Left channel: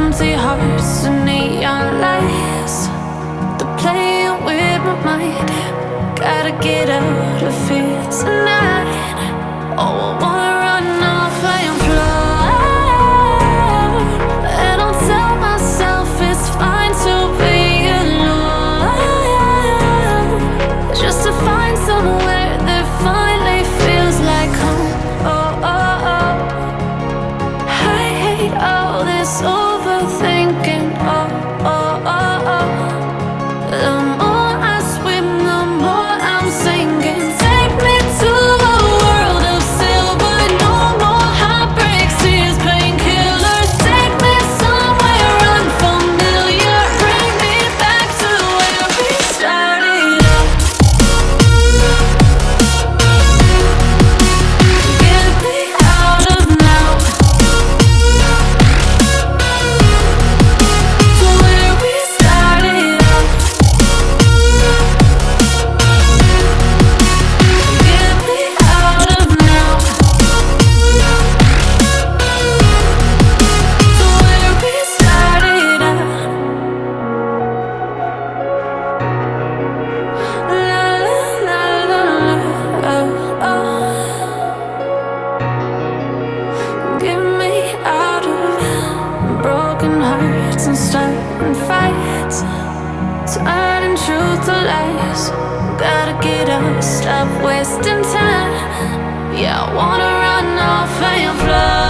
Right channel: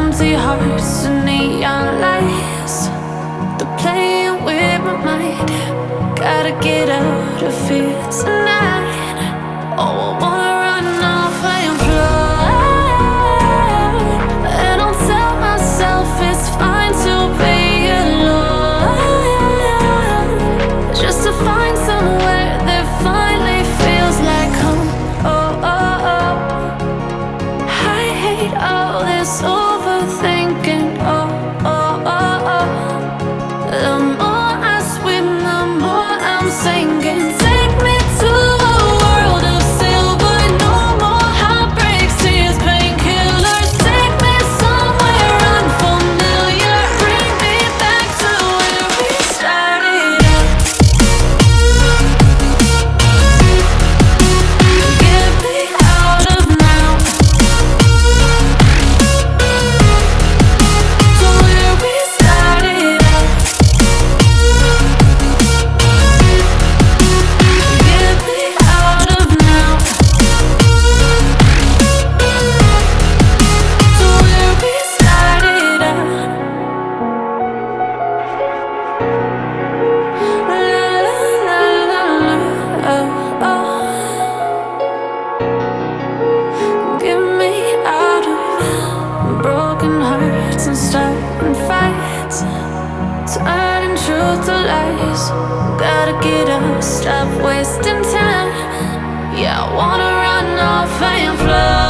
empty hearts and neon lights. They're playing with my mind. Gotta get out of here tonight. Oh, I wanna run off and fly. And I'll tell myself it's fine to be alone, just to find somewhere that finally feels like home. Oh, oh, oh. I hate all this overthinking. Oh, oh, oh, oh. The more I swim, the more I'm sinking. Take me to a world of silver. No more heartbreaks, tears, painkillers. Take me somewhere unfamiliar. Bring me back to where we started out. Get me out of now, to where we started out. Get me out of now, to where we started out. La la la la la, oh, oh. Get me out of broken hearts and starting fights, turning truth to lies. Gotta get up, stop wasting time. Yeah, I wanna run off and fly.